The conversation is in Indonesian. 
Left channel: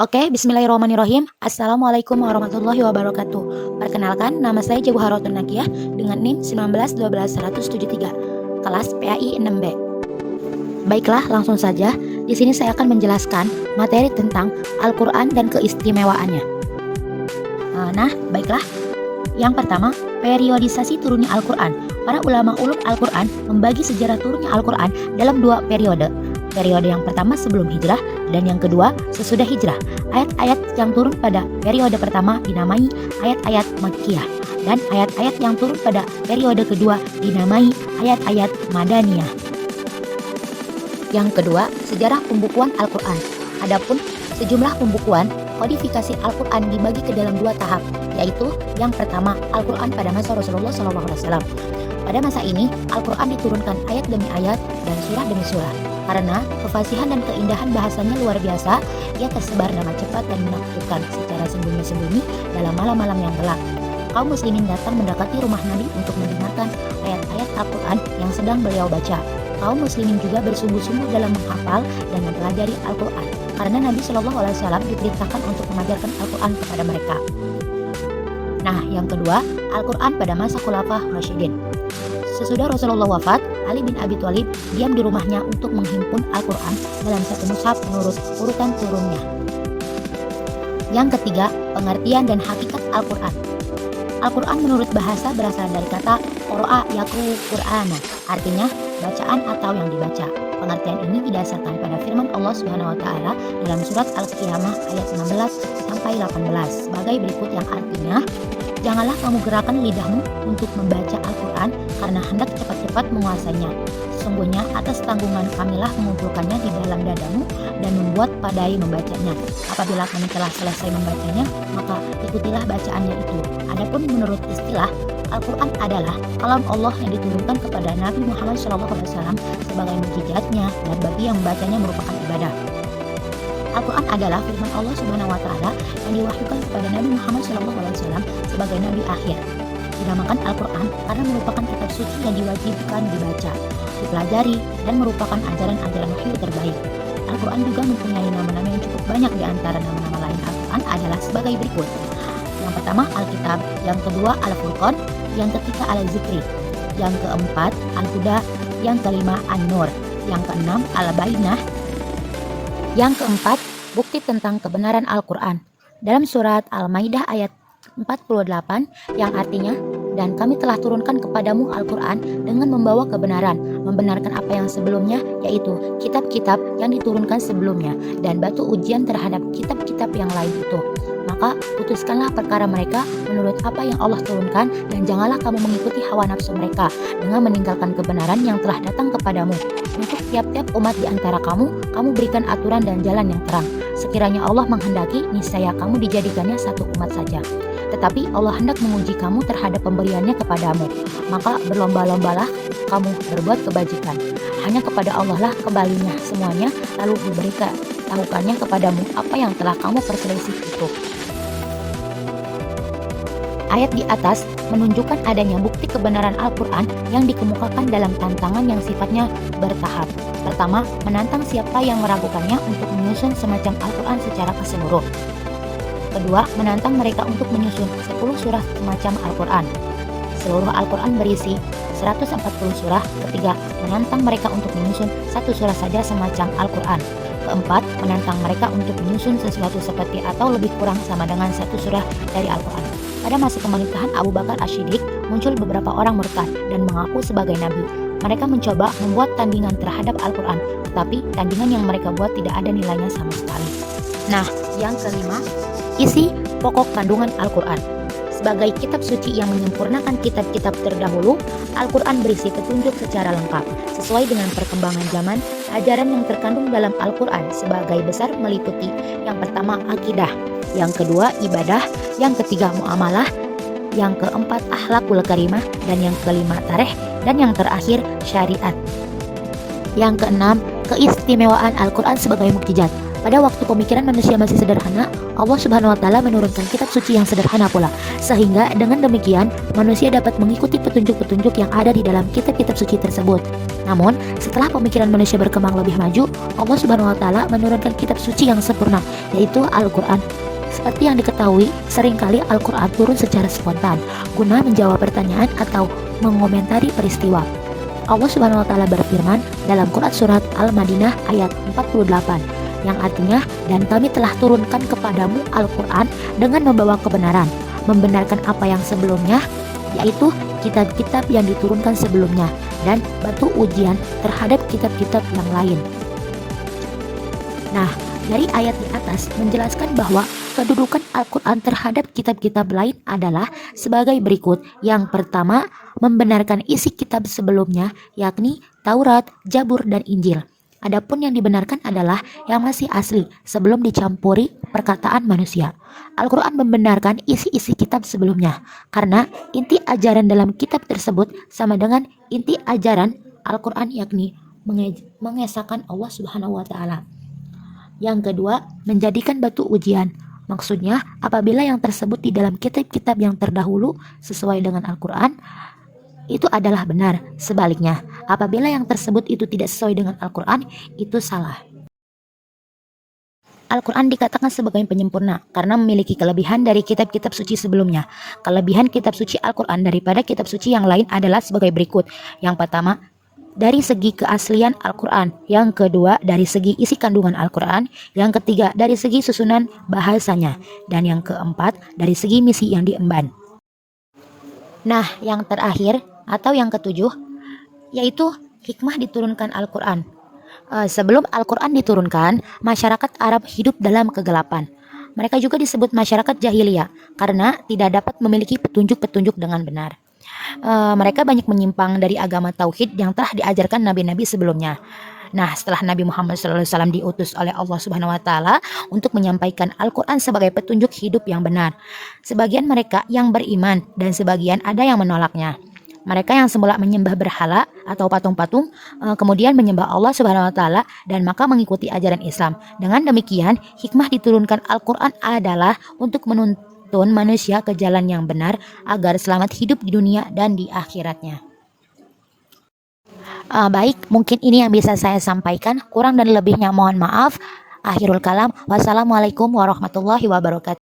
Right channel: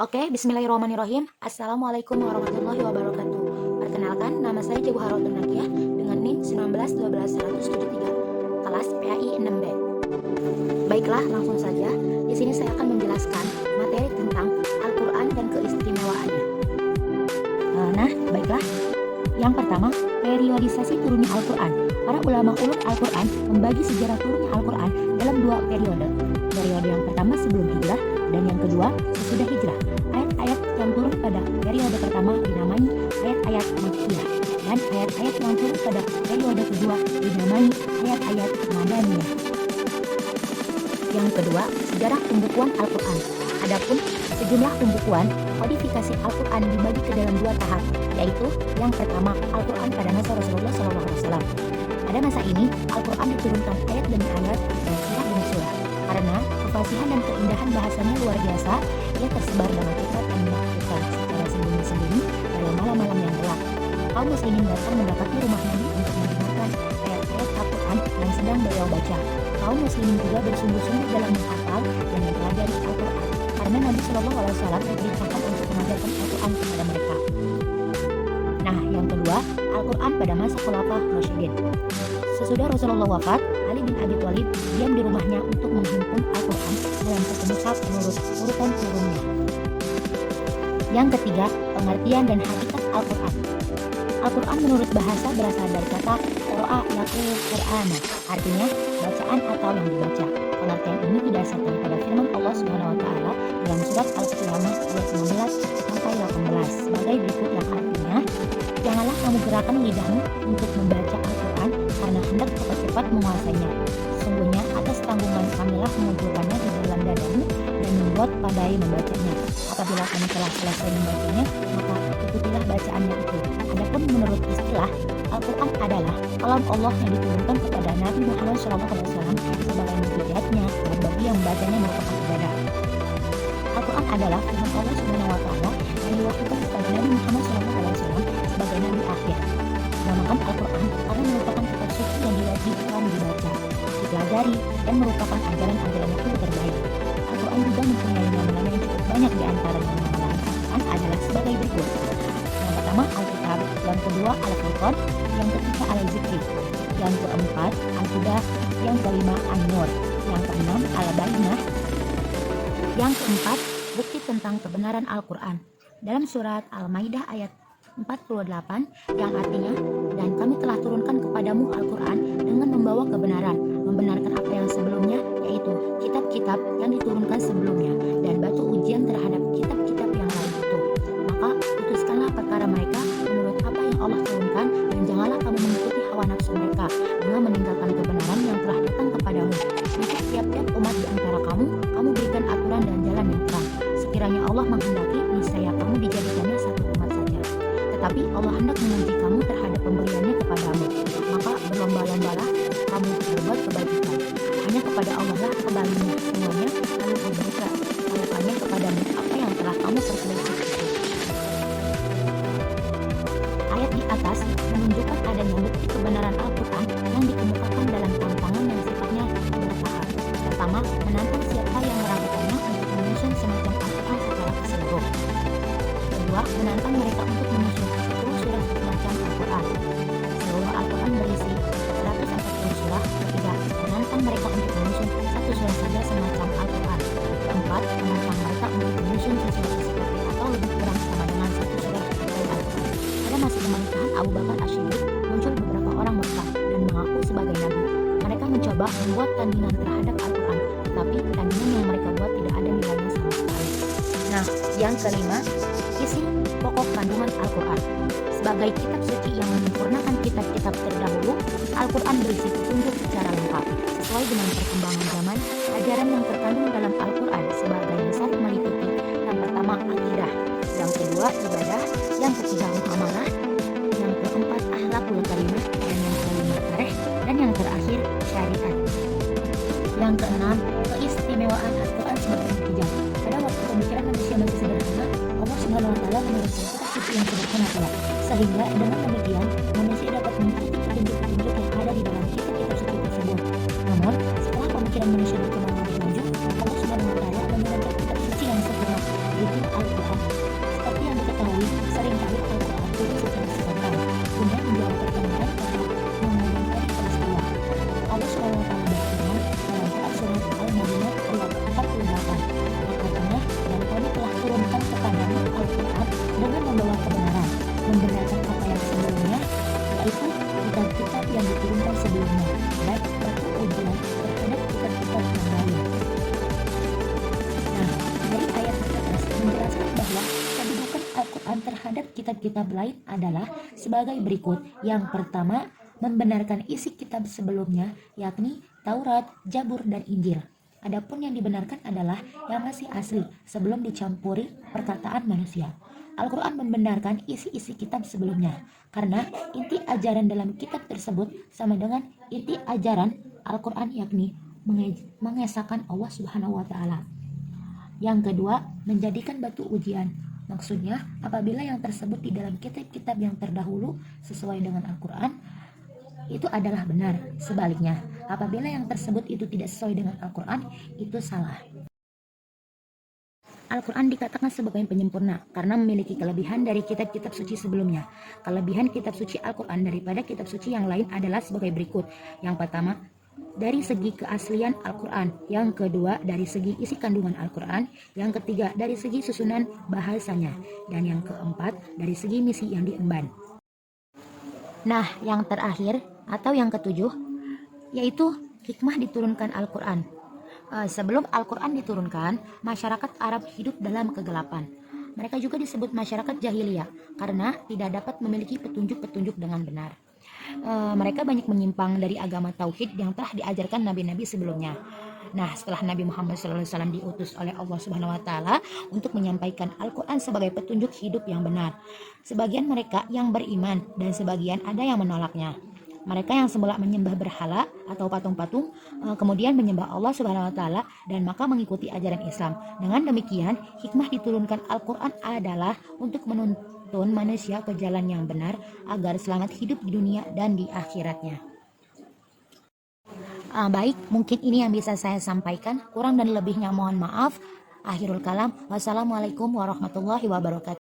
Oke, bismillahirrahmanirrahim. Assalamualaikum warahmatullahi wabarakatuh. Perkenalkan, nama saya Jabu Harotul Nakiyah dengan NIM 1912173, kelas PAI 6B. Baiklah, langsung saja. Di sini saya akan menjelaskan materi tentang Al-Quran dan keistimewaannya. Nah, baiklah. Yang pertama, periodisasi turunnya Al-Quran. Para ulama ulum Al-Quran membagi sejarah turunnya Al-Quran dalam dua periode. Periode yang pertama sebelum hijrah dan yang kedua sesudah hijrah. Ayat-ayat yang turun pada periode pertama dinamai ayat-ayat Makkiyah dan ayat-ayat yang turun pada periode kedua dinamai ayat-ayat Madaniyah. Yang kedua, sejarah pembukuan Al-Quran. Adapun sejumlah pembukuan kodifikasi Al-Quran dibagi ke dalam dua tahap, yaitu yang pertama Al-Quran pada masa Rasulullah SAW. Pada masa ini, Al-Quran diturunkan ayat demi ayat dan surah demi surah. Karena kefasihan dan keindahan bahasanya luar biasa, ia tersebar dengan cepat dan menakjubkan secara sembunyi-sembunyi dalam malam-malam yang gelap. Kaum muslimin datang mendekati rumah Nabi untuk mendengarkan ayat-ayat Al-Quran yang sedang beliau baca. Kaum muslimin juga bersungguh-sungguh dalam menghafal dan mempelajari Al-Quran, karena Nabi SAW diperintahkan untuk mengajarkan Al-Quran kepada mereka. Nah, yang kedua, Al-Quran pada masa Khulafah Rasyidin. Sesudah Rasulullah wafat, Ali bin Abi Thalib diam di rumahnya untuk menghimpun Al-Quran dalam satu mushaf menurut urutan turunnya. Yang ketiga, pengertian dan hakikat Al-Quran. Al-Quran menurut bahasa berasal dari kata qara'a yaqra'u Qur'ana, artinya bacaan atau yang dibaca. Pengertian ini didasarkan pada firman Allah Subhanahu wa taala dalam surat Al-Qiyamah ayat 19 sampai 18 sebagai berikut, yang artinya, janganlah kamu gerakan lidahmu untuk membaca Al-Quran karena hendak cepat-cepat menguasainya. Sesungguhnya atas tanggungan kamilah mengumpulkannya di dalam dadamu dan membuat padai membacanya. Apabila kamu telah selesai membacanya, maka ikutilah bacaannya itu. Adapun menurut istilah, Al-Quran adalah kalam Allah yang diturunkan kepada Nabi Muhammad SAW sebagai mukjizatnya, dan bagi yang membacanya merupakan ibadah. Al-Quran adalah firman Allah Subhanahu wa taala yang diwahyukan kepada Nabi Muhammad SAW sebagai nabi akhir. Dinamakan Al-Quran karena merupakan kitab suci yang diwajibkan dibaca, dipelajari, dan merupakan ajaran-ajaran wahyu terbaik. Al-Quran juga mempunyai nama-nama yang cukup banyak. Di antara nama-nama lain Al-Quran adalah sebagai berikut. Yang pertama Al-Kitab, yang kedua Al-Furqan, yang ketiga Al-Zikri, yang keempat Al-Huda, yang kelima An-Nur, yang keenam Al-Bayyinah, yang keempat bukti tentang kebenaran Al-Quran. Dalam surat Al-Maidah ayat 48 yang artinya, dan kami telah turunkan kepadamu Al-Quran dengan membawa kebenaran, membenarkan apa yang sebelumnya, yaitu kitab-kitab yang diturunkan sebelumnya, dan batu ujian terhadap kitab-kitab yang lain itu. Maka putuskanlah perkara mereka menurut apa yang Allah turunkan, dan janganlah kamu mengikuti hawa nafsu mereka dengan meninggalkan kebenaran yang telah datang kepadamu. Untuk tiap-tiap umat di antara kamu berikan aturan dan jalan yang terang. Sekiranya Allah menghendaki, niscaya kamu dijadikannya satu umat saja. Tetapi Allah hendak menguji kamu terhadap pemberiannya kepadamu, maka berlomba-lombalah kamu berbuat kebajikan. Hanya kepada Allah lah kembalinya semuanya, lalu diberikan tahukannya kepadamu apa yang telah kamu perselisih itu. Ayat di atas menunjukkan adanya bukti kebenaran Al-Quran yang dikemukakan dalam tantangan yang sifatnya bertahap. Pertama, menantang siapa yang meragukannya untuk menyusun semacam Al-Quran secara keseluruh. Kedua, menantang mereka untuk menyusun 10 surah semacam Al-Quran. Seluruh Al-Quran berisi 140 surah. Ketiga, menantang mereka untuk menyusun satu surah saja semacam Al-Quran. Keempat, menantang mereka untuk menyusun sesuatu seperti atau lebih kurang sama dengan satu surah dari Al-Quran. Pada masa pemerintahan Abu Bakar Ash-Shiddiq, muncul beberapa orang murtad dan mengaku sebagai nabi. Mereka mencoba membuat tandingan terhadap Al-Quran, tetapi tandingan yang mereka buat tidak ada nilainya sama sekali. Nah, yang kelima, isi pokok kandungan Al-Quran. Sebagai kitab suci yang menyempurnakan kitab-kitab terdahulu, Al-Quran berisi petunjuk secara lengkap. Sesuai dengan perkembangan zaman, ajaran yang terkandung dalam Al-Quran sebagai besar meliputi: yang pertama akidah, yang kedua ibadah, yang ketiga muamalah, yang keempat akhlakul karimah, dan yang kelima tarikh, dan yang terakhir syariat. Yang keenam, keistimewaan Al-Quran sebagai mukjizat. Pada waktu pemikiran manusia masih sederhana, Allah Subhanahu wa taala menurunkan kitab suci yang sederhana pula, sehingga dengan demikian manusia dapat mengikuti petunjuk-petunjuk yang ada di dalam kitab-kitab suci tersebut. Namun, setelah pemikiran manusia berkembang lebih maju, Allah Subhanahu wa taala menurunkan kitab suci yang sempurna, yaitu Al-Qur'an. Seperti yang diketahui, seringkali Al-Qur'an turun secara spontan guna menjawab pertanyaan atau mengomentari peristiwa. Allah Subhanahu wa taala berfirman dalam Quran surat Al-Madinah ayat 48 yang artinya, dan kami telah turunkan kepadamu Al-Quran dengan membawa kebenaran, membenarkan apa yang sebelumnya, yaitu kitab-kitab yang diturunkan sebelumnya, dan batu ujian terhadap kitab-kitab yang lain. Nah, dari ayat di atas menjelaskan bahwa kedudukan Al-Quran terhadap kitab-kitab lain adalah sebagai berikut. Yang pertama, membenarkan isi kitab sebelumnya, yakni Taurat, Zabur, dan Injil. Adapun yang dibenarkan adalah yang masih asli sebelum dicampuri perkataan manusia. Al-Quran membenarkan isi-isi kitab sebelumnya karena inti ajaran dalam kitab tersebut sama dengan inti ajaran Al-Quran, yakni mengesahkan Allah Subhanahu wa taala. Yang kedua, menjadikan batu ujian. Maksudnya, apabila yang tersebut di dalam kitab-kitab yang terdahulu sesuai dengan Al-Quran, itu adalah benar. Sebaliknya, apabila yang tersebut itu tidak sesuai dengan Al-Quran, itu salah. Al-Quran dikatakan sebagai penyempurna karena memiliki kelebihan dari kitab-kitab suci sebelumnya. Kelebihan kitab suci Al-Quran daripada kitab suci yang lain adalah sebagai berikut. Yang pertama, dari segi keaslian Al-Quran. Yang kedua, dari segi isi kandungan Al-Quran. Yang ketiga, dari segi susunan bahasanya. Dan yang keempat, dari segi misi yang diemban. Nah, yang terakhir atau yang ketujuh, yaitu hikmah diturunkan Al-Quran. Sebelum Al-Quran diturunkan, masyarakat Arab hidup dalam kegelapan. Mereka juga disebut masyarakat jahiliyah karena tidak dapat memiliki petunjuk-petunjuk dengan benar. Mereka banyak menyimpang dari agama tauhid yang telah diajarkan nabi-nabi sebelumnya. Nah, setelah Nabi Muhammad SAW diutus oleh Allah Subhanahu wa taala untuk menyampaikan Al-Qur'an sebagai petunjuk hidup yang benar, sebagian mereka yang beriman dan sebagian ada yang menolaknya. Mereka yang semula menyembah berhala atau patung-patung, kemudian menyembah Allah Subhanahu wa taala dan maka mengikuti ajaran Islam. Dengan demikian, hikmah diturunkan Al-Qur'an adalah untuk menuntun manusia ke jalan yang benar agar selamat hidup di dunia dan di akhiratnya. Baik, mungkin ini yang bisa saya sampaikan. Kurang dan lebihnya mohon maaf. Akhirul kalam. Wassalamualaikum warahmatullahi wabarakatuh.